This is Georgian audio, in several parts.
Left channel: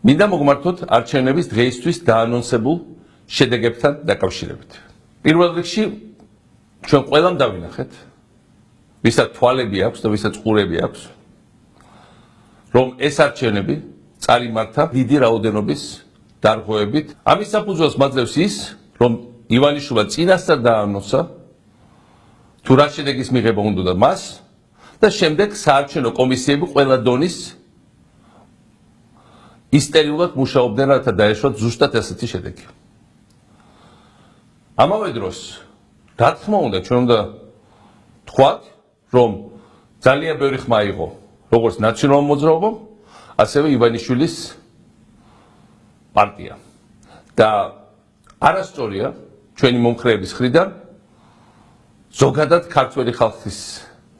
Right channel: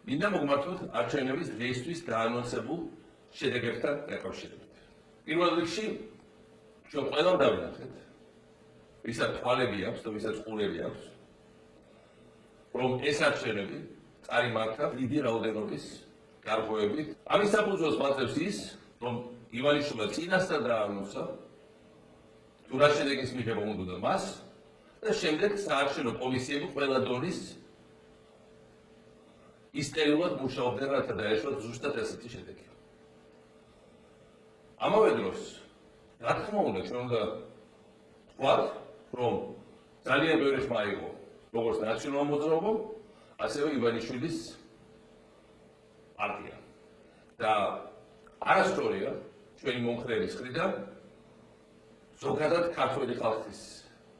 მინდა მოგმართოთ არჩევნების დღეისთვის დაანონსებულ შედეგებთან დაკავშირებით. პირველ რიგში ჩვენ ყველამ დავინახეთ, ვისაც თვალები აქვს და ვისაც ყურები აქვს, რომ ეს არჩევნები წარიმართა დიდი რაოდენობის დარღვევებით. ამის საფუძველს მაძლევს ის, რომ ივანიშვილმა წინასწარ დაანონსა თუ რა შედეგის მიღება უნდა მას და შემდეგ საარჩევნო კომისიები ყველა დონის ისტერიულად მუშაობდნენ, რათა დაეშვათ ზუსტად ასეთი შედეგი. ამავე დროს, რა თქმა უნდა, ჩვენ უნდა თქვათ, რომ ძალიან ბევრი ხმა იყო, როგორც ნაციონალურ მოძრაობამ, ასევე ივანიშვილის პარტია. და არასწორია ჩვენი მომხრეების მხრიდან ზოგადად ქართველი ხალხის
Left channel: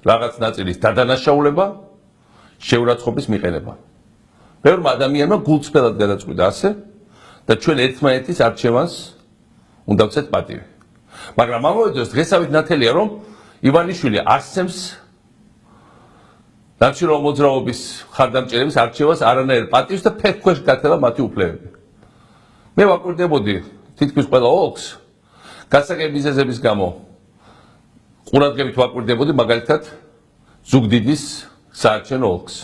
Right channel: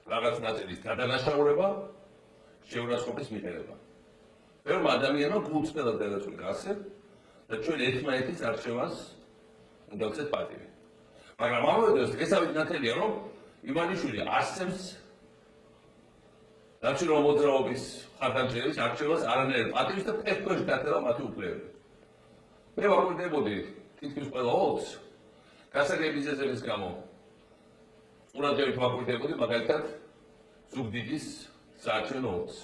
რაღაც ნაწილის დადანაშაულება, შეურაცხყოფის მიყენება. ბევრმა ადამიანმა გულწრფელად გადაწყვიტა ასე და ჩვენ ერთმანეთის არჩევანს უნდა ვცეთ პატივი. მაგრამ ამავე დროს დღესავით ნათელია, რომ ივანიშვილი არსებს ნაციონალურ მოძრაობის მხარდამჭერების არჩევას არანაირ პატივს და ფეხქვეშ გათელა მათი უფლებები. მე ვაკვირდებოდი თითქმის ყველა ოლქს გასაგები მიზეზების გამო ყურადღებით ვაკვირდებოდი მაგალითად ზუგდიდის საარჩევნო ოლქს.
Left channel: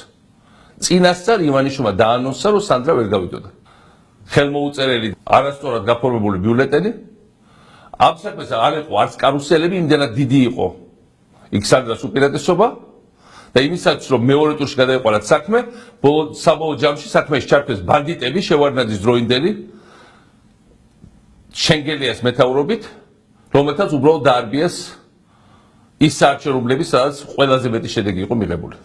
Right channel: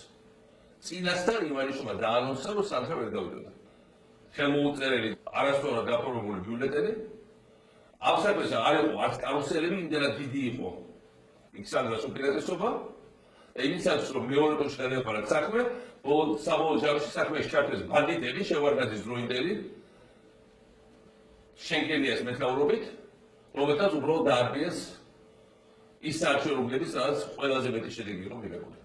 წინასწარ ივანიშვილმა დაანონსა, რომ სანდრა ვერ გავიდოდა. ხელმოუწერელი არასწორად გაფორმებული ბიულეტენი. ამ საქმეს არ იყო არც კარუსელები, იმდენად დიდი იყო იქ სანდრას უპირატესობა და იმისაც, რომ მეორე ტურში გადაეყარათ საქმე, საბოლოო ჯამში საქმეში ჩართვეს ბანდიტები, შევარდნაძის დროინდელი, შენგელიას მეთაურობით, რომელთაც უბრალოდ დაარბიეს ის საარჩევნოები, სადაც ყველაზე მეტი შედეგი იყო მიღებული.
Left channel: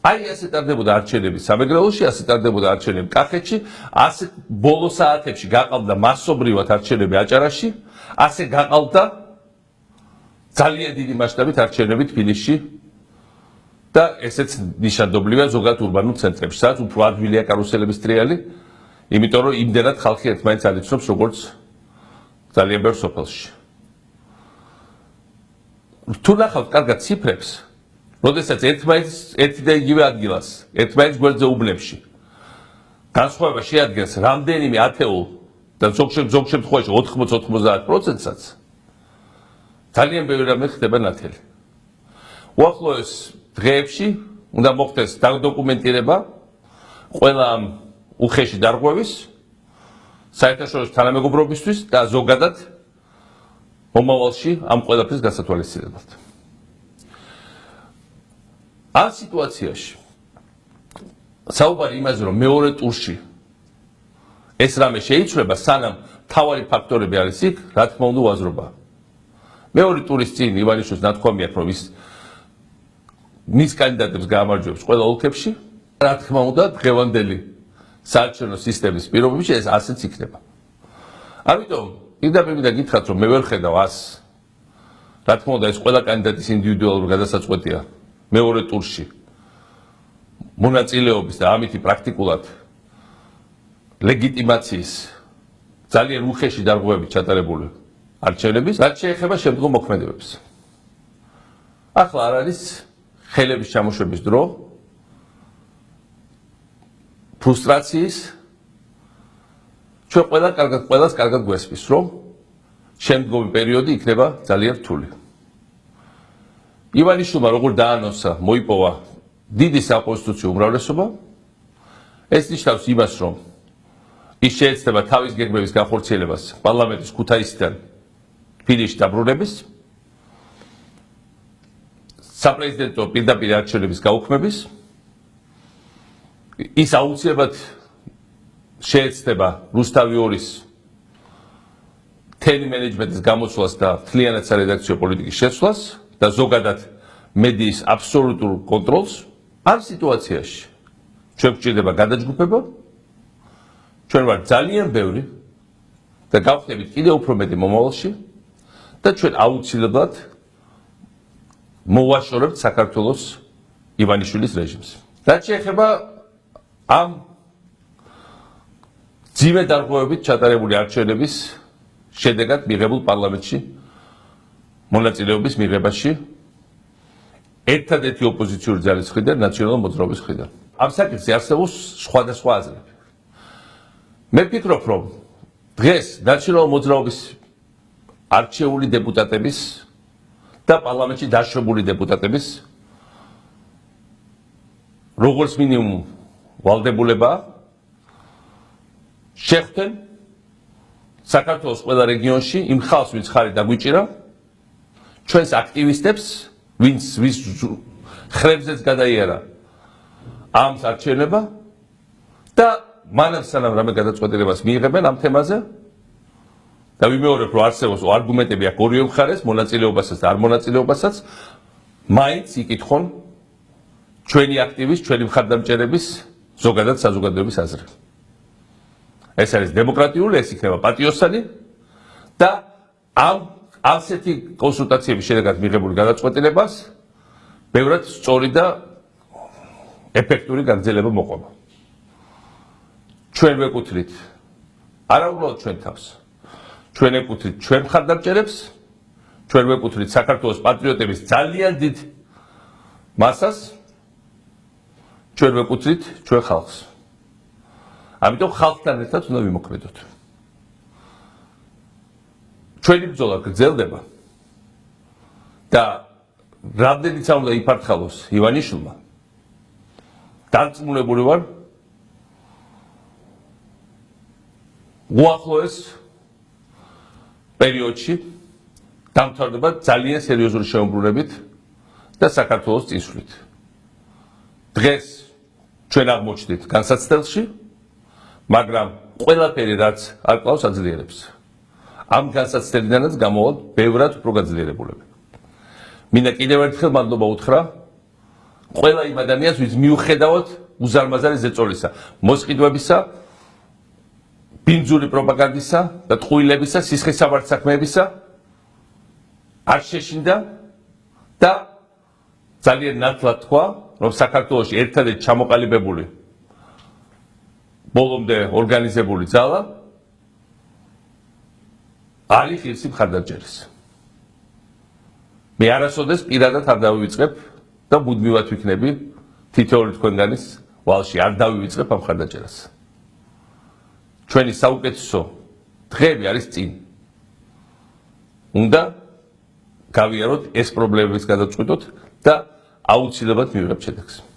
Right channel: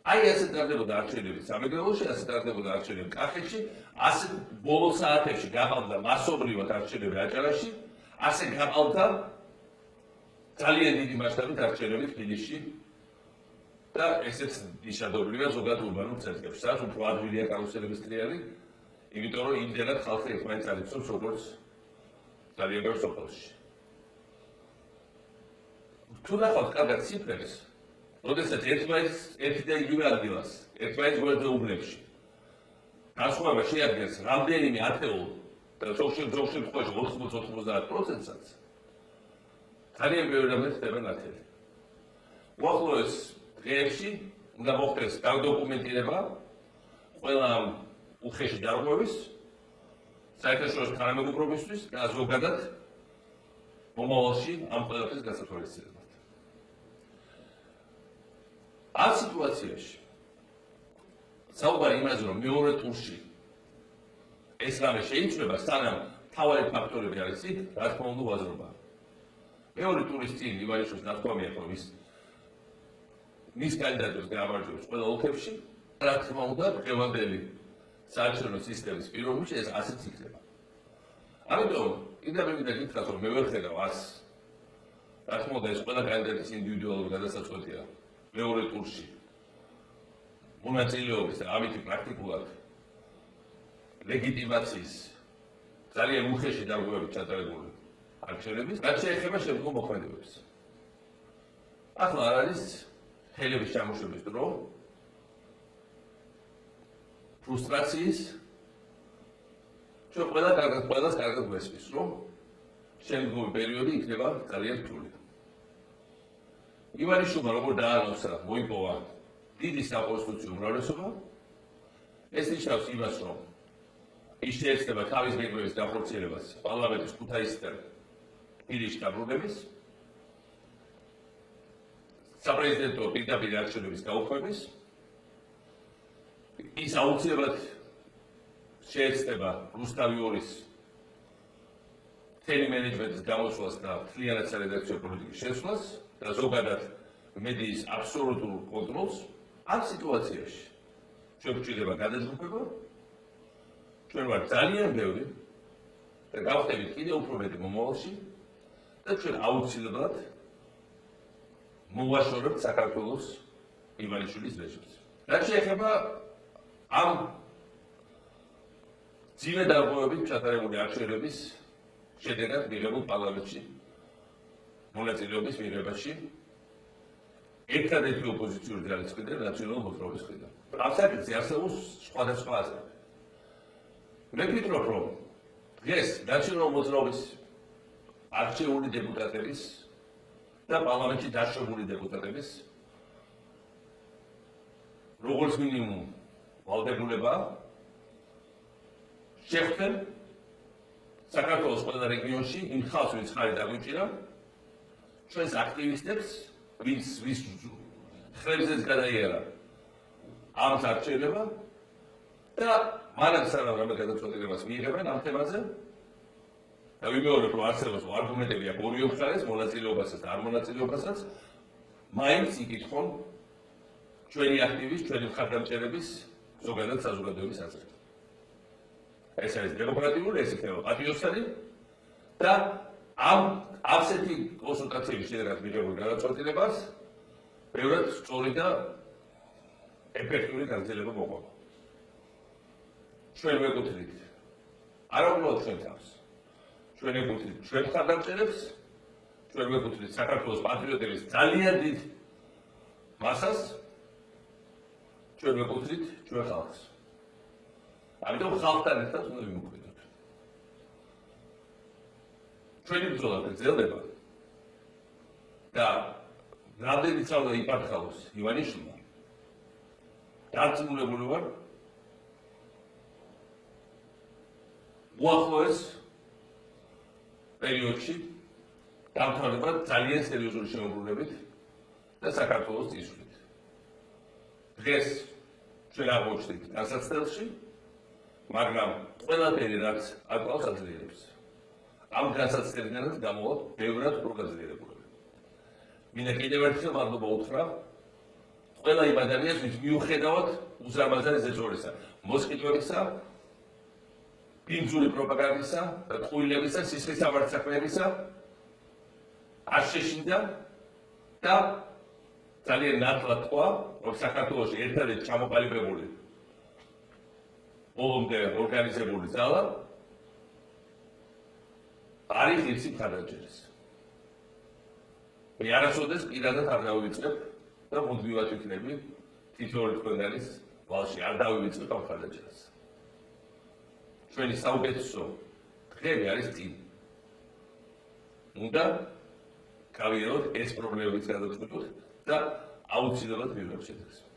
აი ასე ტარდებოდა არჩევნები სამეგრელოში, ასე ტარდებოდა არჩევნები კახეთში, ასე ბოლო საათებში გაყავდა მასობრივად არჩევნები აჭარაში, ასე გაყავდა ძალიან დიდი მასშტაბით არჩევნები თბილისში და ესეც ნიშანდობლივია ზოგადად ურბანულ ცენტრებში, სადაც უფრო ადვილია კარუსელების ტრიალი, იმიტომ რომ იმდენად ხალხი ერთმანეთს არ იცნობს, როგორც ძალიან ბევრ სოფელში. თუ ნახავთ კარგად ციფრებს, როდესაც ერთი და იგივე ადგილას, ერთმანეთის გვერდზე უბნებში განსხვავება შეადგენს რამდენიმე ათეულ და ზოგ შემთხვევაში 80-90%-საც, ძალიან ბევრი რამე ხდება ნათელი. უახლოეს დღეებში უნდა მოხდეს დაკუმენტირება ყველა ამ უხეში დარღვევის, საერთაშორისო თანამეგობრობისთვის და ზოგადად მომავალში ამ ყველაფრის გასათვალისწინებლად. ამ სიტუაციაში საუბარი იმაზე, რომ მეორე ტურში ეს რამე შეიცვლება, სანამ მთავარი ფაქტორები არის იქ, რა თქმა უნდა უაზრობაა. მეორე ტურის წინ ივანიშვილს ნათქვამი აქვს, რომ ის მის კანდიდატებს გაამარჯვებს ყველა ოლქებში, რა თქმა უნდა დღევანდელი საარჩევნო სისტემის პირობებში ეს ასეც იქნება. ამიტომ პირდაპირ მინდა გითხრათ, რომ მე ვერ ხედავ ას. რა თქმა უნდა ეს ყველა კანდიდატის ინდივიდუალური გადასაწყვეტია მეორე ტურში მონაწილეობის და ამითი პრაქტიკულად ლეგიტიმაციის ძალიან უხეში დარღვევებით ჩატარებული არჩევნების, რაც შეეხება შემდგომ მოქმედებებს. ახლა არ არის ხელების ჩამოშვების დრო, ფრუსტრაციის, ჩვენ ყველას კარგად გვესმის, რომ შემდგომი პერიოდი იქნება ძალიან რთული. ივანიშვილმა როგორ დაანონსა, მოიპოვა დიდი საკონსტიტუციო უმრავლესობა, ეს ნიშნავს იმას, რომ ის შეეცდება თავის გეგმების განხორციელებას პარლამენტის ქუთაისიდან თბილისში დაბრუნების, საპრეზიდენტო პირდაპირ არჩევნების გაუქმების, ის აუცილებლად შეეცდება რუსთავი 2-ის მთელი მენეჯმენტის გამოცვლას და მთლიანად სარედაქციო პოლიტიკის შეცვლას და ზოგადად მედიის აბსოლუტურ კონტროლს. ამ სიტუაციაში ჩვენ გვჭირდება გადაჯგუფება, ჩვენ ვართ ძალიან ბევრი და გავხდებით კიდევ უფრო მეტი მომავალში და ჩვენ აუცილებლად მოვაშორებთ საქართველოს ივანიშვილის რეჟიმს. რაც შეეხება ამ ძიმე დარღვევებით ჩატარებული არჩევნების შედეგად მიღებულ პარლამენტში მონაწილეობის მიღებაში ერთადერთი ოპოზიციური ძალის მხრიდან ნაციონალურ მოძრაობის მხრიდან. ამ საკითხზე არსებობს სხვადასხვა აზრები. მე ვფიქრობ, რომ დღეს ნაციონალური მოძრაობის არჩეული დეპუტატების და პარლამენტში დაშვებული დეპუტატების როგორც მინიმუმ ვალდებულება შეხვდნენ საქართველოს ყველა რეგიონში იმ ხალხს, ვინც ხარი დაგვიჭირა, ჩვენს აქტივისტებს, ვინც ხრებზეც გადაიარა ამ არჩევნება და მანამ სანამ რამე გადაწყვეტილებას მიიღებენ ამ თემაზე და ვიმეორებ, რომ არსებობს არგუმენტები აქ ორივე მხარეს, მონაწილეობასაც და არ მონაწილეობასაც, მაინც იკითხონ ჩვენი აქტივის, ჩვენი მხარდამჭერების, ზოგადად საზოგადოების აზრი. ეს არის დემოკრატიული, ეს იქნება პატიოსანი და ამ ასეთი კონსულტაციების შედეგად მიღებული გადაწყვეტილებას ბევრად სწორი და ეფექტური გაგრძელება მოყვება. ჩვენ ვეკუთვნით არა უბრალოდ ჩვენ თავს, ჩვენ ეკუთვნით ჩვენ მხარდამჭერებს, ჩვენ ვეკუთვნით საქართველოს პატრიოტების ძალიან დიდ მასას, ჩვენ ვეკუთვნით ჩვენ ხალხს. ამიტომ ხალხთან ერთად უნდა ვიმოქმედოთ. ჩვენი ბრძოლა გრძელდება და რამდენიც არ უნდა იფართხალოს ივანიშვილმა, დარწმუნებული ვარ, უახლოეს პერიოდში დამთავრდება ძალიან სერიოზული შემოbrunებით და საქართველოს წინსვლით. დღეს ჩვენ აღმოჩნდით განსაცდელში, მაგრამ ყველაფერი რაც არ კლავს აძლიერებს. ამ განსაცდელიდანაც გამოვალ ბევრად უფრო გაძლიერებულები. მინდა კიდევ ერთხელ მადლობა უთხრა ყველა იმ ადამიანს, ვინც მიუხედავად უზარმაზარი ზეწოლისა, მოსყიდვებისა, ბინძური პროპაგანდისა და ტყუილებისა, სისხლისმსაბარის საქმეებისა არ შეშინდა და ძალიან ნათლად თქვა, რომ საქართველოში ერთადერთი ჩამოყალიბებული ბოლომდე ორგანიზებული ძალა არის ღირსი მხარდამჭერის. მე არასოდეს პირადად არ დავივიწყებ და მუდმივად ვიქნები თითოეული თქვენგანის ვალში არ დავივიწყებ ამ მხარდამჭერას. ჩვენი საუკეთესო დღეები არის წინ. უნდა გავიაროთ ეს პრობლემების გადაწყვეტოთ და აუცილებლად მივიღებთ შედეგს.